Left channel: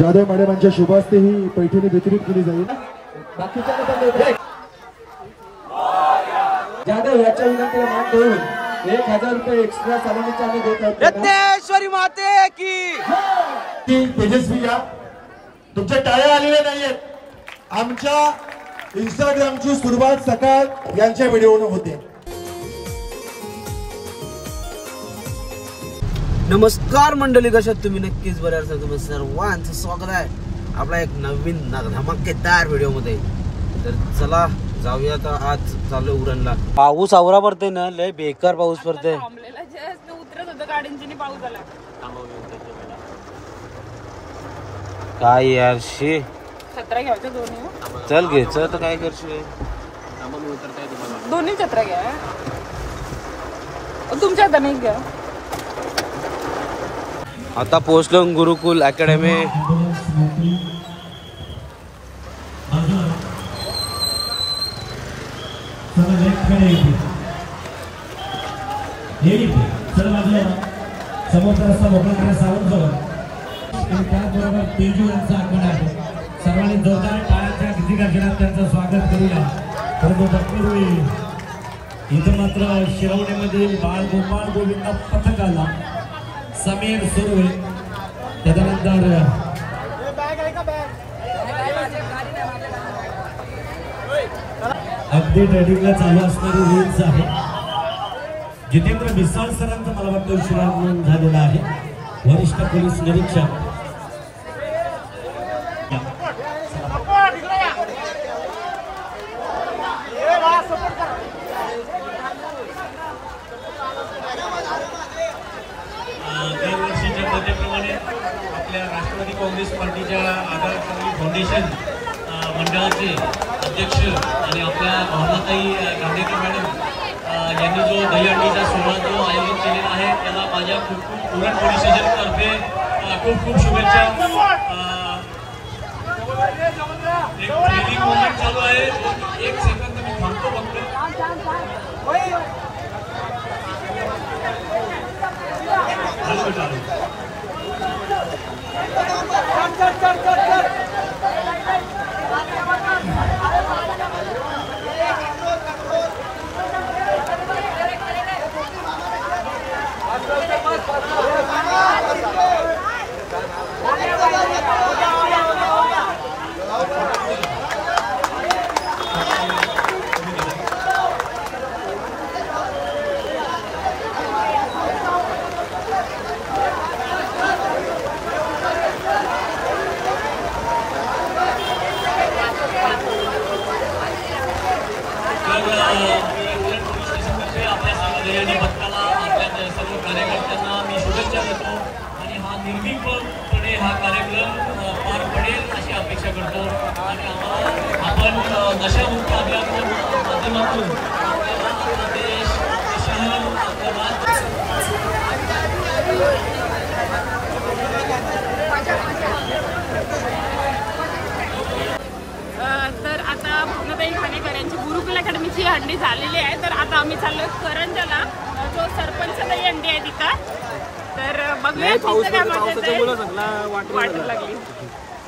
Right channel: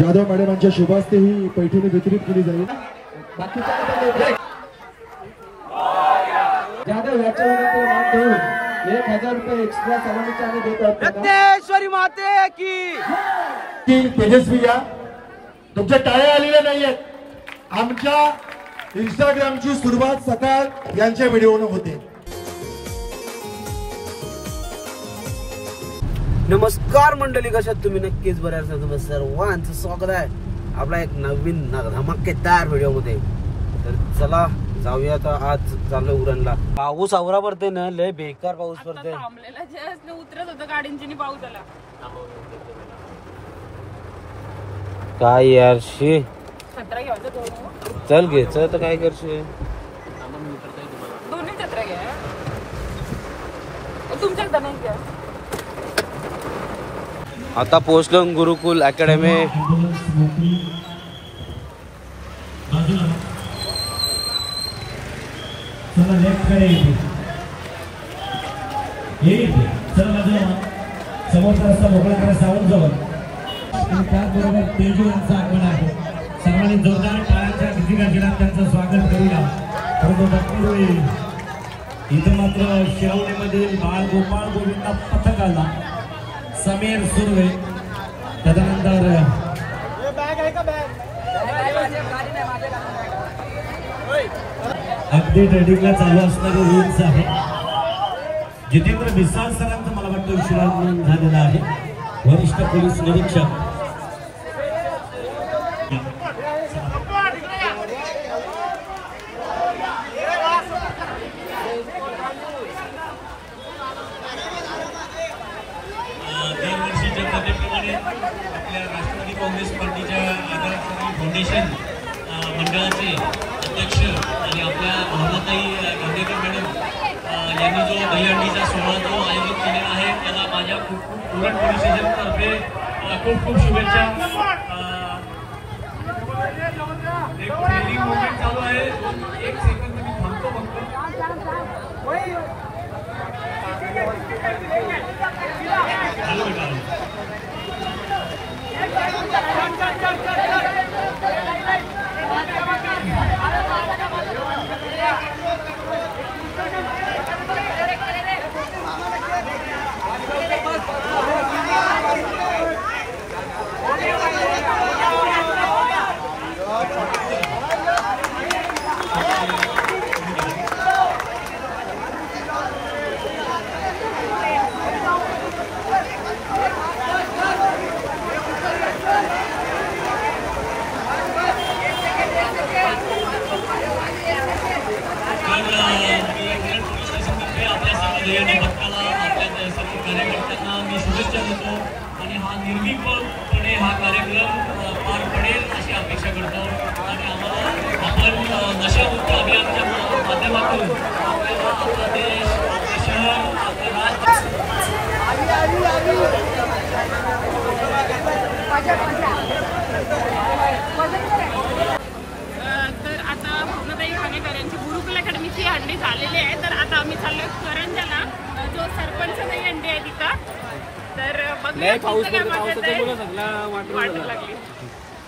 यादव मॅडमांच्या शुभ हस्ते ही पैठणी वितरित केली जाईल। यादव याच्या विनंतीला मान देऊन 1000 रुपये एक्स्ट्रा सलामीचे आम्ही देत आहोत। यज्ञेश्वरी माते की तेजस्वी या तुमच्या टाळ्या आलेल्या नाहीयेत। आमच्या इंस्टाग्रामची सुरुवात सकाळ यांच्या व्हिडिओने होते। नमस्कार मंडळी, कशा तुम्ही? नक्कीच बऱ्या असाल। सर्वांचं स्वागत आहे आपला एक नवीन धमाकेदार व्हिडिओ मध्ये। तर चला जाऊया आता। आज चाललोय उरणला। पाऊस आवरा पडते ना, लय बेकार पाऊस पडते। उतरत होतं गाडींची पाऊस आला। काय यार शी, छत्रा घ्यायचं दोन्ही। चल घ्यायचं तर काय करशील? दोन्ही छत्रा घ्या, तुमच्या हातात नाही घ्या। आता पोहोचलो गुरुकुल अकॅडमी। समोरचा रस्ता मोकळा करा सावंत जवळ आणि त्याचबरोबर तेजू यांचं आगमन आहे। सर्वांनी जोरदार टाळ्यांच्या गजरात त्यांचं स्वागत करूया। परंतु तत्पूर्वी इथं मात्र शिरवणीमधील बाळ गोपाळ गोविंद पथक आला। समीर सुर्वे, त्याच्यानंतर अगदी ट्रेडिंगला चालू असणारी रील्स आहे। जितेंद्र मिसाळ सरांचं मला वाटतं विश्राम झालेला आहे। वरिष्ठ पोलीस निरीक्षक दरवर्षीच्या पद्धतीप्रमाणे आपल्या राष्ट्रवादी काँग्रेस पार्टीच्या आगार फाउंडेशन मंडळाचे अध्यक्ष आणि आपल्या भावनाताई गांधीकर मॅडम यांनी जो दहीहंडीचा सोहळा जो आयोजित केलेला आहे त्याला माझ्या खूप उरण पोलीस स्टेशनतर्फे खूप खूप शुभेच्छा। एक ट्रेनिंग मुवमेंट चालू आहे। एक सेकंद मी थांबतो फक्त। मी शुभेच्छा देतो आणि हा निर्भीकपणे हा कार्यक्रम पार पडेल अशी अपेक्षा करतो। आणि आपण नशामुक्त अभियानाच्या माध्यमातून आपल्याला आपला देश, आपलं शहर, आपलं राज्य तर आता भावनाताई खानेकरांची गुरुकुल अकॅडमीची हंडी झालेली आहे। तर आता आम्ही चाललोय करंजाला, जो सरपंचाची हंडी आहे तिथं। तर बघूया पावसाच्या मुलं सगळा वाटून लागली।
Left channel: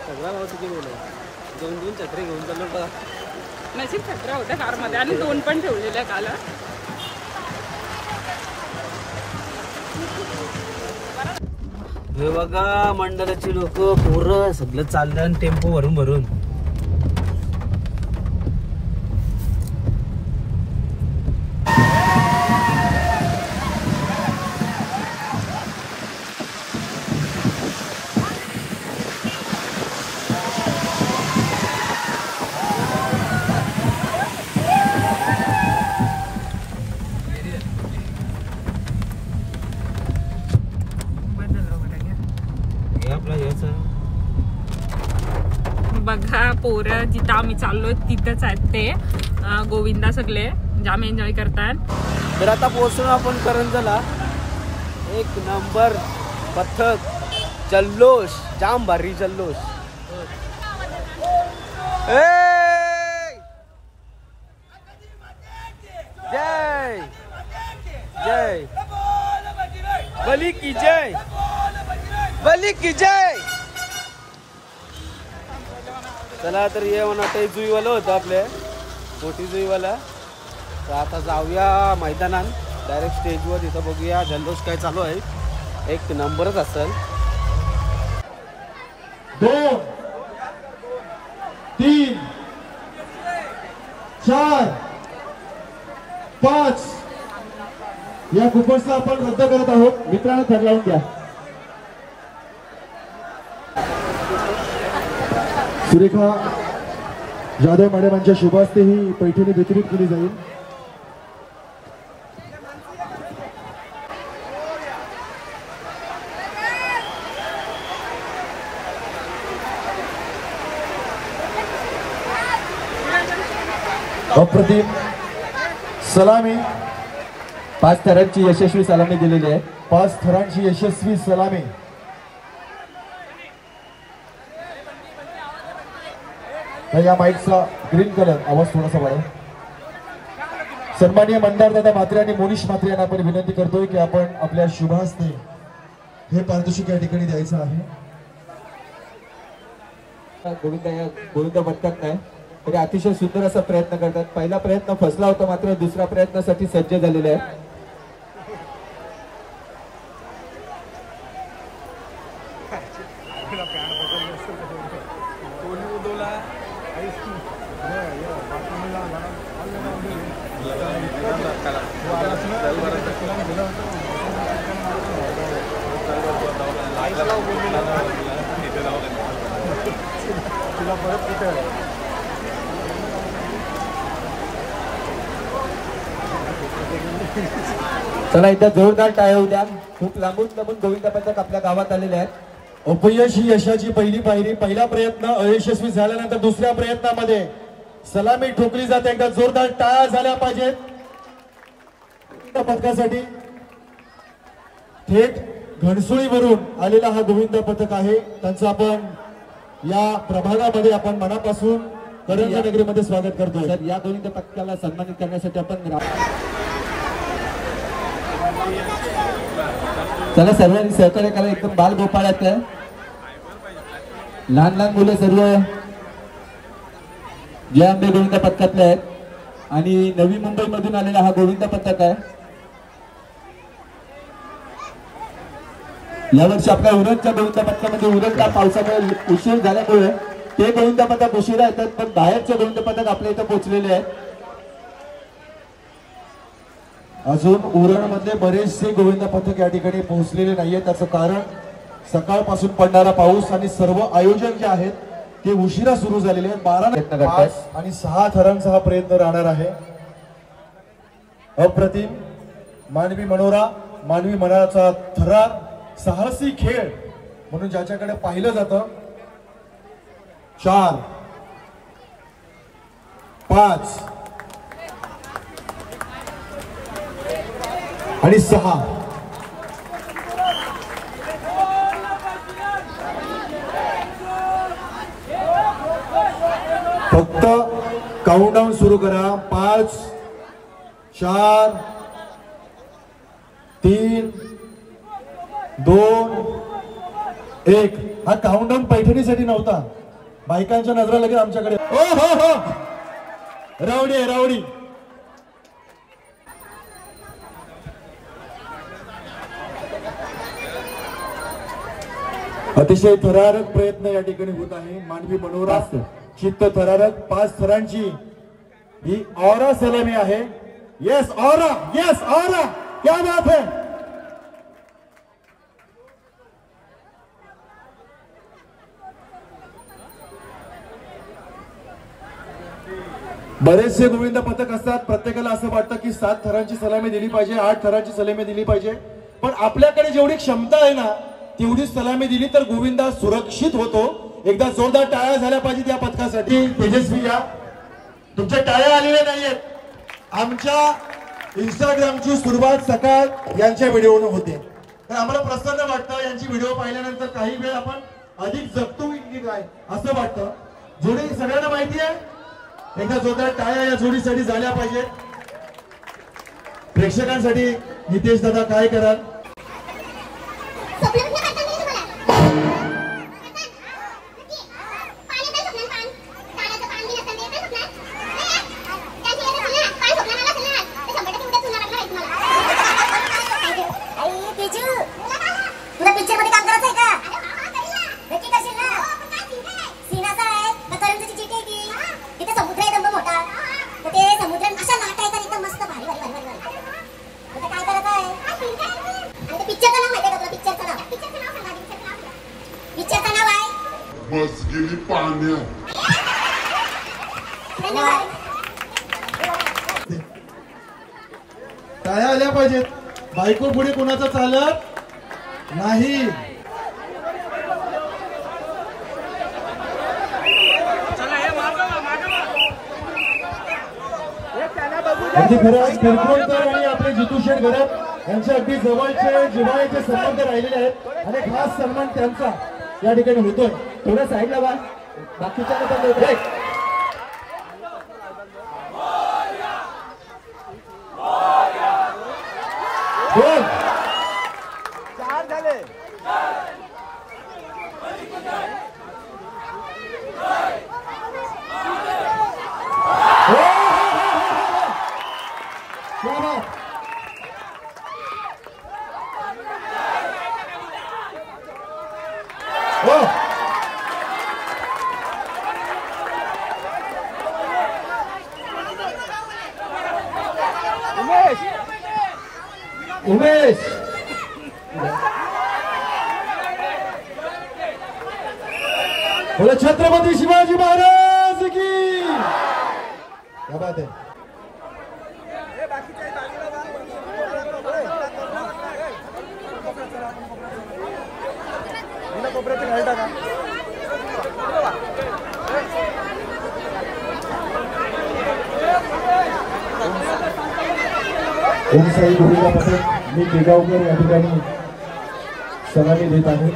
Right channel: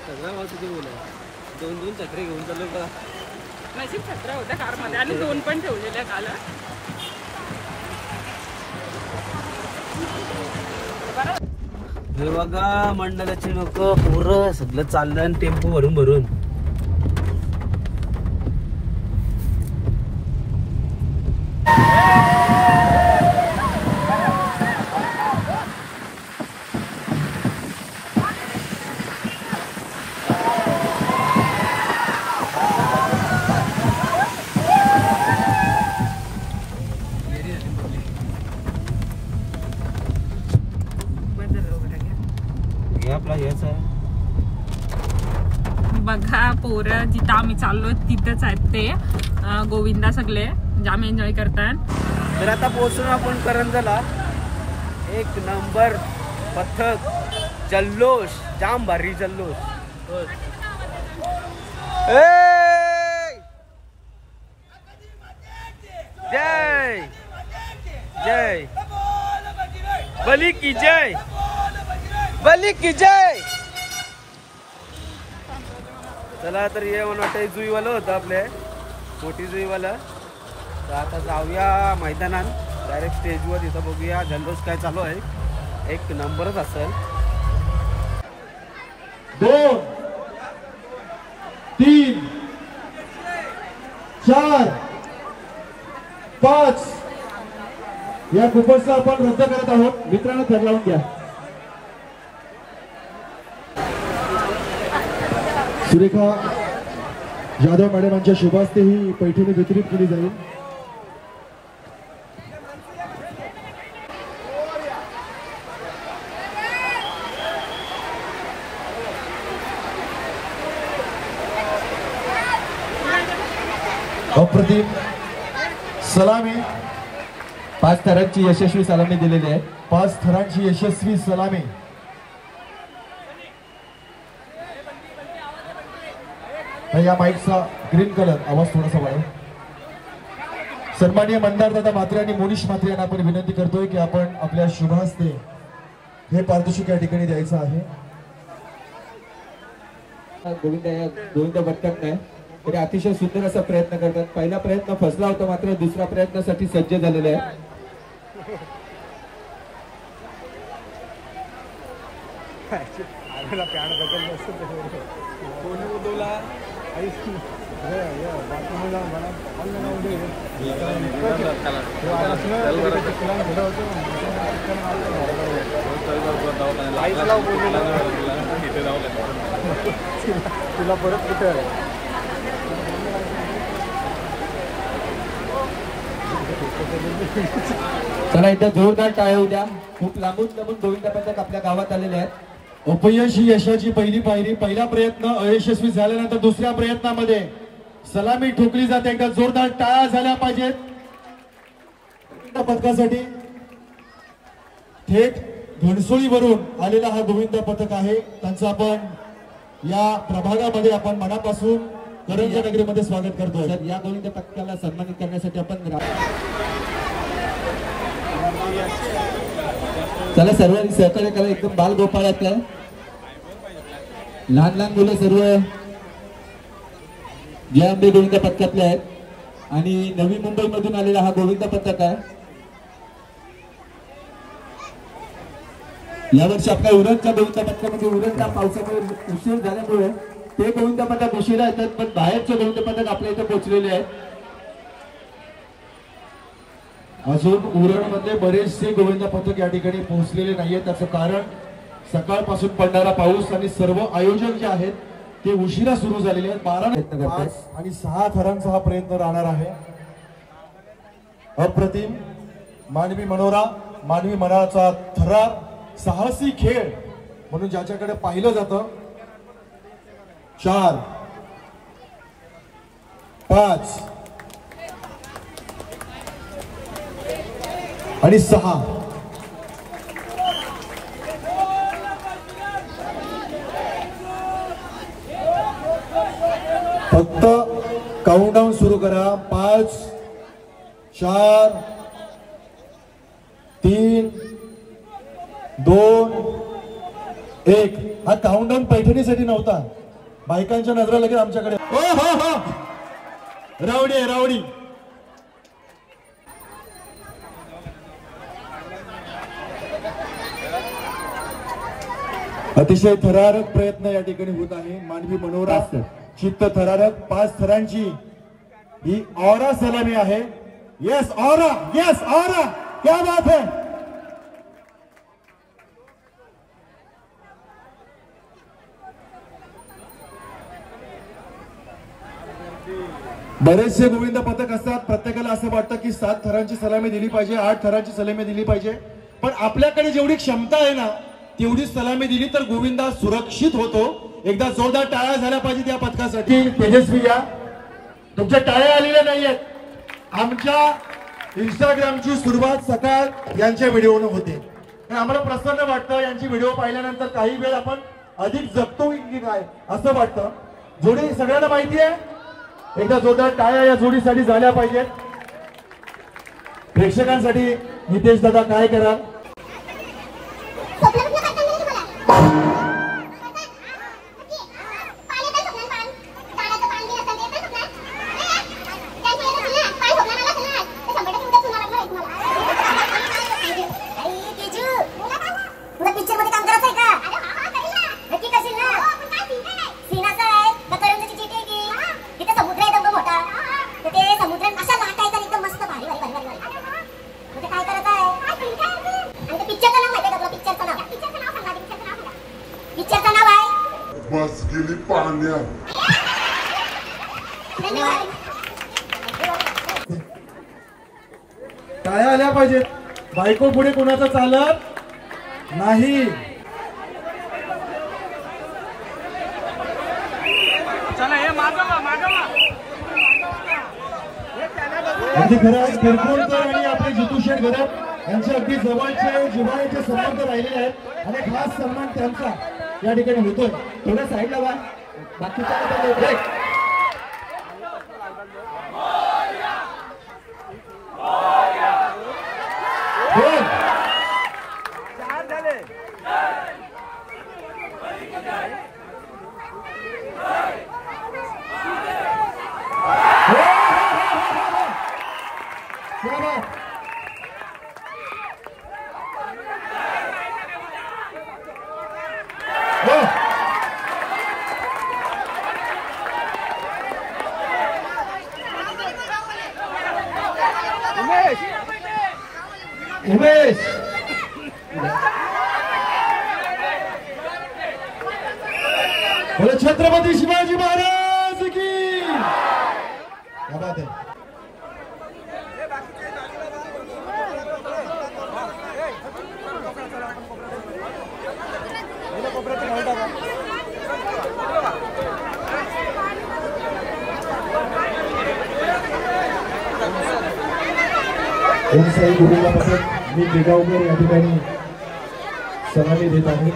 सगळा पावसाची मुलं दोन छत्रे घेऊन चाललो बघा। नशीब छत्र्या होत्या कारमध्ये आणि 2 पण ठेवलेल्या काल। हे बघा मंडळाची लोक पूर्ण सगळं चाललं टेम्पो भरून भरून। बघा पोरं जिथं आम्ही चाललोय तिथंच आहेत ते गोविंदा सगळे जाम एन्जॉय करतात। तर आता पोहोचलो आपण करंजाला। एक नंबर पथक, जल्लोष, जाम भारी जल्लोष। जय जय बली की जय, बली की जय। चला तर ये म्हणा ते जुईवालं होतं आपले मोठी जुईवाला. तर आता जाऊया मैदानात डायरेक्ट स्टेजवर. तिथं बघूया जल्लोष काय चालू आहे. एक नंबरच असेल. 2 3 4 5 या कुपनचं आपण रद्द करत आहोत. मित्रांनो ठरवून द्या. सुरेखा जाधव मॅडमांच्या शुभ हस्ते ही पैठणी वितरित केली जाईल. अप्रतिम सलामी 5 थरांची यशस्वी सलामी दिलेली आहे. 5 थरांची यशस्वी सलामी. या माईकचा ग्रीन कलर आवाज थोडासा वाढव. सन्माननीय मंदार दादा म्हात्रे आणि मोनिश म्हात्रे यांना आपण विनंती करतोय की आपण आपल्या शुभ हस्ते हे पारितोषिक या ठिकाणी द्यायचं आहे. गोविंद भटकत नाही तरी अतिशय सुंदर असा प्रयत्न करतात. पहिला प्रयत्न फसला होता मात्र दुसऱ्या प्रयत्नासाठी सज्ज झालेले आहे. चला एकदा जोरदार टाळ्या होऊ द्या. खूप लांबून गोविंद पथक आपल्या गावात आलेले आहेत. अपयश ही यशाची पहिली पायरी. पहिला प्रयत्न अयशस्वी झाल्यानंतर दुसऱ्या प्रयत्नामध्ये सलामी ठोकली जाते. एकदा जोरदार टाळ्या झाल्या पाहिजेत पथकासाठी. थेट घणसोळीवरून आलेला हा गोविंद पथक आहे. त्यांचं आपण या प्रभागामध्ये आपण मनापासून करंज नगरीमध्ये स्वागत करतो. तर या गोविंद पथकाला सन्मानित करण्यासाठी आपण चला सर्वांनी सहकार्य करा. एकदम बाल गोपाळात आहे. लहान लहान मुलं सर्व जय अंबे गोविंद पथकातले आहेत आणि नवी मुंबई मधून आलेला हा गोविंद पथक आहे. यावर्षी आपल्या उरणच्या गोविंद पथकामध्ये उरणच्या पावसामुळे उशीर झाल्यामुळे ते गोविंद पथक उशिरा येतात पण बाहेरचे गोविंद पथक आपल्या इथे पोहोचलेले आहेत. अजून उरणमध्ये बरेचसे गोविंद पथक या ठिकाणी पोहोचलेले नाहीये. त्याचं कारण सकाळपासून पडणारा पाऊस आणि सर्व आयोजन जे आहेत ते उशिरा सुरू झालेले आहेत. 12 आणि 6 थरांचा हा प्रयत्न राहणार आहे. अप्रतिम मानवी मनोरा, मानवी मनाचा थरार, साहसी खेळ म्हणून ज्याच्याकडे पाहिलं जातं. 4 5 आणि 6 फक्त काउंटडाऊन सुरू करा. 5 4 3 2 1. हा काउंटडाऊन पैठणीसाठी नव्हता. बायकांच्या नजरा लगेच आमच्याकडे. रावडी आहे रावडी. अतिशय थरारक प्रयत्न या ठिकाणी होत आहे. मानवी मनोरा, चित्त थरारक 5 थरांची ही ऑरा सलामी आहे. येस ऑरा, येस ऑरा, क्या बात है. बरेचसे गोविंद पथक असतात. प्रत्येकाला असं वाटतं की 7 थरांची सलामी दिली पाहिजे, 8 थरांची सलामी दिली पाहिजे. पण आपल्याकडे जेवढी क्षमता आहे ना तेवढी सलामी दिली तर गोविंदा सुरक्षित होतो. एकदा जोरदार टाळ्या झाल्या पाहिजेत या पथकासाठी. तेजस्वी या तुमच्या टाळ्या आलेल्या नाहीयेत. आमच्या इंस्टाग्रामची सुरुवात सकाळ यांच्या व्हिडिओने होते तर आम्हाला प्रसन्न वाटतं. यांची व्हिडिओ पाहिल्यानंतर काही वेळ आपण अधिक जगतो की काय असं वाटतं. जोडी सगळ्यांना माहिती आहे. एकदा जोरदार टाळ्या या जोडीसाठी झाल्या पाहिजेत. प्रेक्षकांसाठी नितेश दादा काय कराल. बस गेली पाण्यात. काय आल्या पाहिजेत. बायको पुढे कुणाचा चालत नाही. अगदी खरं किरकोळकर आणि आपले जितू शेठ गरब यांचे अगदी जवळचे जिव्हाळ्याचे संबंध राहिलेले आहेत आणि खास सन्मान त्यांचा या ठिकाणी होतोय. थोडं साईडला वा. बाकीच्या उमेश बोले छत्रपती शिवाजी महाराज की क्या बात है. ओमसाई गुरुला मी बेगावकर या ठिकाणी सलामी देत आहे.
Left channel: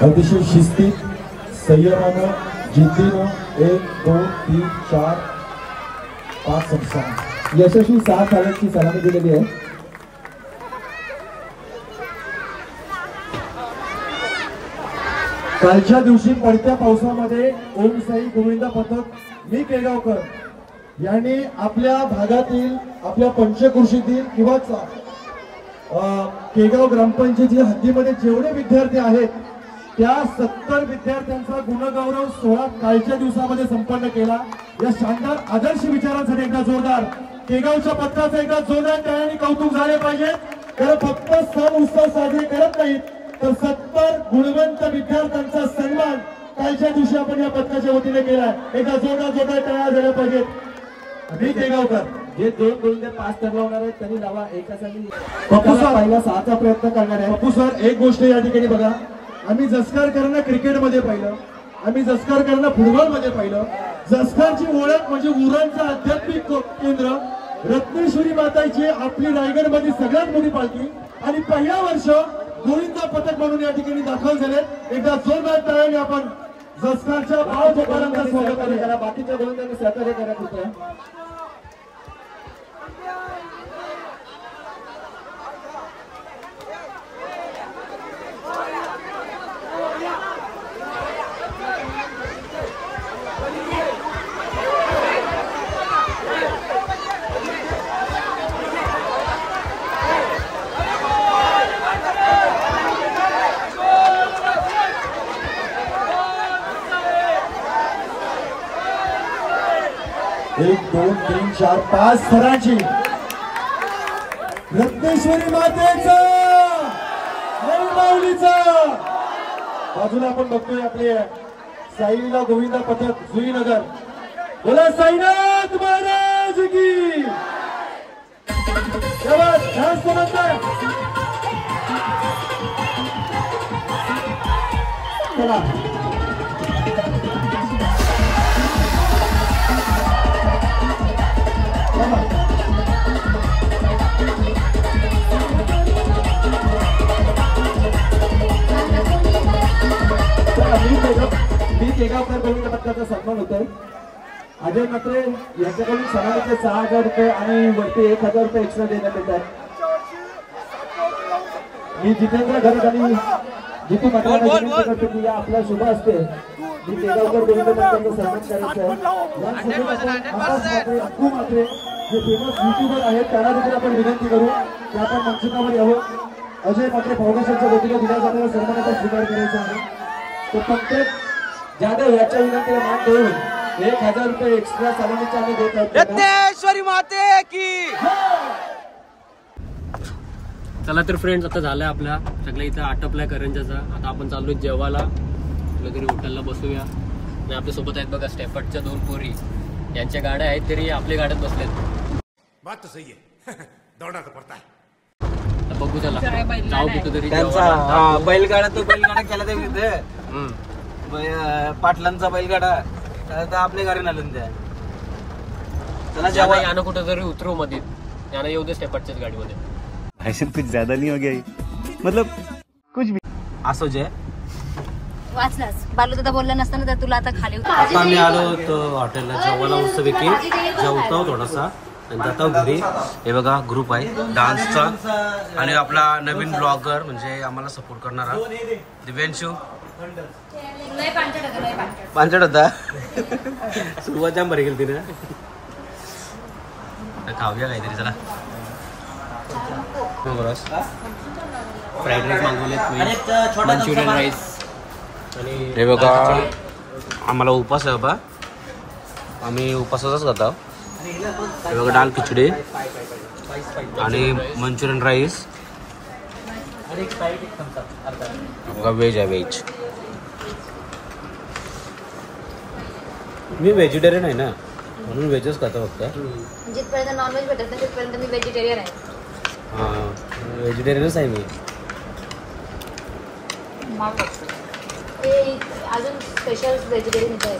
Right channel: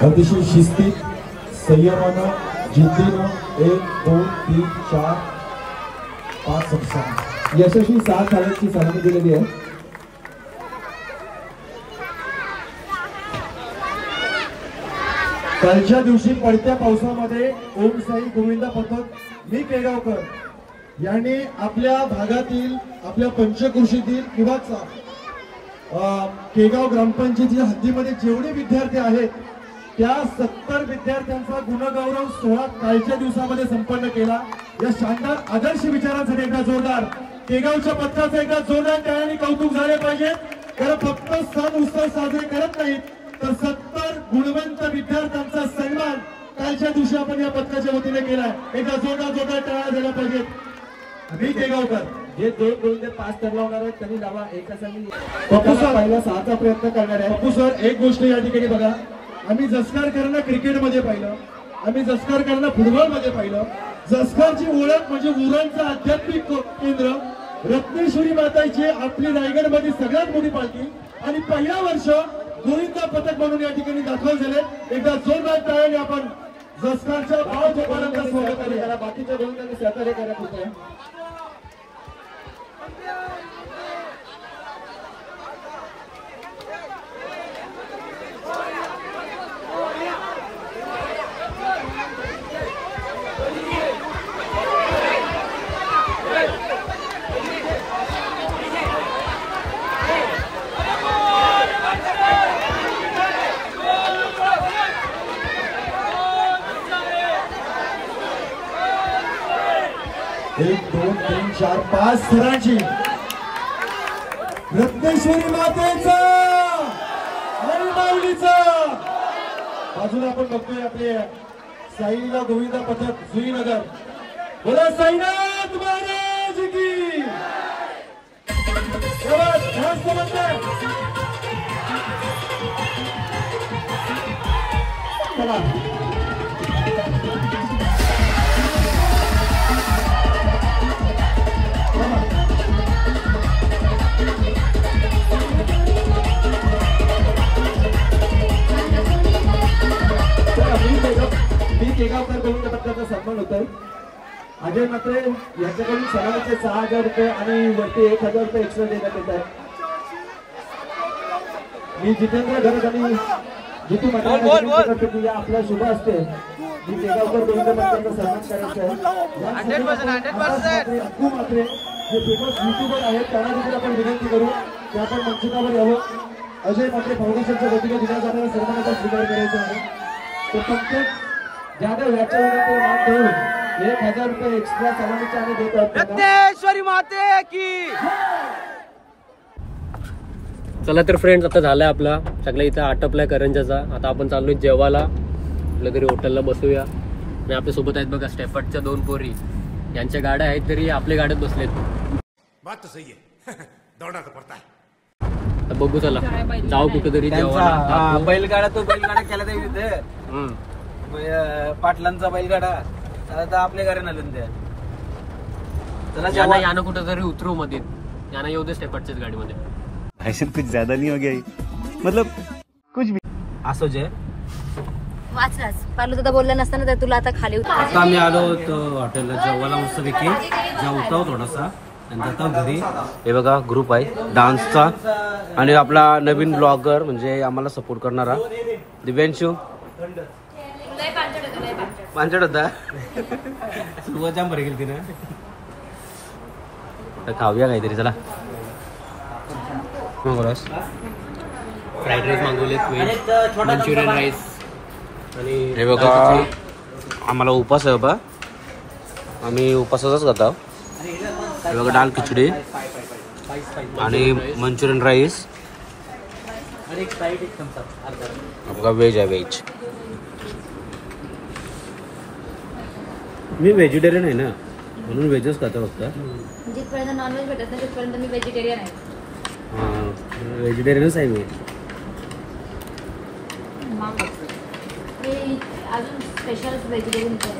अतिशय शिस्तीत संयमानं जिद्दीनं 1 2 3 4 5 6 यशस्वी 6 थाळ्यांची सलामी दिलेली आहे. कालच्या दिवशी पडत्या पावसामध्ये ओमसाई गोविंद पथक मी केगावकर यांनी आपल्या भागातील आपल्या पंचक्रोशीतील किंवा केगाव ग्रामपंचायतीच्या हद्दीमध्ये जेवढे विद्यार्थी आहेत त्या 70 विद्यार्थ्यांचा गुणगौरव सोहळा कालच्या दिवसामध्ये संपन्न केला. या शानदार आदर्श विचारांसाठी एकदा जोरदार केगावच्या पथकाचा एकदा जोरदार टाळ्यांनी कौतुक झाले पाहिजे. कारण फक्त सण उत्सव साजरे करत नाहीत तर 70 गुणवंत विद्यार्थ्यांचा सन्मान कालच्या दिवशी आपण या पथकाच्या वतीने केला. एकदा जोरदार टाळ्या झाल्या पाहिजेत. मी केगावकर जे 2 गोविंद 5 ठरवणार आहेत त्यांनी लावा. एका संघी पप्पू सर पहिला 6चा प्रयत्न करणार आहे. पप्पू सर एक गोष्ट या ठिकाणी बघा. आम्ही जसकरकरांना क्रिकेटमध्ये पाहिलं, आम्ही जसकरकरांना फुटबॉलमध्ये पाहिलं. जसकरची ओळख म्हणजे उरणचं आध्यात्मिक केंद्र रत्नेश्वरी माताची आपली रायगडमध्ये सगळ्यात मोठी पालखी आणि पहिल्या वर्ष गोविंद पथक म्हणून या ठिकाणी दाखल झाले. एकदा जोरदार टाळ्याने आपण जसकरच्या भावजकारांचं स्वागत करूया. बाकीच्या गोविंदांनी सहकार्य करत होते. एक 2 3 4 5 थरांची रत्नेश्वरी मातेचा आणि माऊलीचा. बाजूला आपण बघतोय आपले साईला गोविंद पथक जुईनगर. बोला साईनाथ महाराज की. चला केगावकर गोविंद पथकाचा सन्मान होतोय. अजय मत्रे यांच्याकडून सन्मानाचे 6000 रुपये आणि वरती 1000 रुपये एक्स्ट्रा देण्यात येतात. मी जितेंद्र घरत आणि जिथे आपल्या शुभ असते जे फेमस युट्यूबर आहेत त्यांना देखील आपण विनंती करू की आपण मंचावर यावं. अजय मात्र फाउंडेशनच्या वतीने दिला जाणारा सन्मानाचा स्वीकार करायचा आहे. तर प्रत्येक जाधव याच्या विनंतीला मान देऊन 1000 रुपये एक्स्ट्रा सलामीचे आम्ही देत आहोत. यज्ञेश्वरी माते की. चला तर फ्रेंड्स, आता झालाय आपला सगळ्या इथं आटपलाय करंजाचा. आता आपण चाललोय जेवायला, कुठल्या तरी हॉटेलला बसूया. मी आपल्यासोबत आहेत बघा स्टेफर्डच्या 2 पोरी. यांच्या गाड्या आहेत तरी आपल्या गाड्यात बसलेत. बात तो सही है. दौड़ना तो पड़ता है. तर बघू, चला जाऊ कुठेतरी जेवायला. बैलगाडा तो बैलगाडा केला तर तिथे पाटलांचा बैलगाडा तर आपल्या गाडी नालून द्या. चला यानं कुठेतरी उतरू मध्ये, यानं येऊ दे स्टेफर्डच्याच गाडीमध्ये. भाषण कुछ ज्यादा नहीं हो गया, मतलब कुछ भी असं जे वाचलाच बालू दादा बोलले नसताना तर तुला आता खाली आता आम्ही आलो होतो हॉटेलला जेवायला. मस्तपैकी जेवतो थोडासा आणि जातो घरी. हे बघा ग्रुप आहे डान्सचा आणि आपला नवीन ब्लॉगर म्हणजे आम्हाला सपोर्ट करणारा दिव्यांशू. पांचट होता सुरुवात जाम बरी गेली तिने. खाऊया काहीतरी. चला फ्राईड राईस मागवलेत, मंचुरियन राईस. हे बघा आम्हाला उपास आहे बाबा, आम्ही उपासाचाच खातो. हे बघा डाळ खिचडी आणि मंचुरियन राईस. आपला व्हेज आहे व्हेज. मी व्हेजिटेरियन आहे ना म्हणून व्हेजच खातो फक्त. जिथपर्यंत नॉनव्हेज भेटत नाही तिथपर्यंत मी व्हेजिटेरियन आहे. हां व्हेजिटेरियनच आहे मी. ते अजून स्पेशल व्हेजिटेरियन आहे.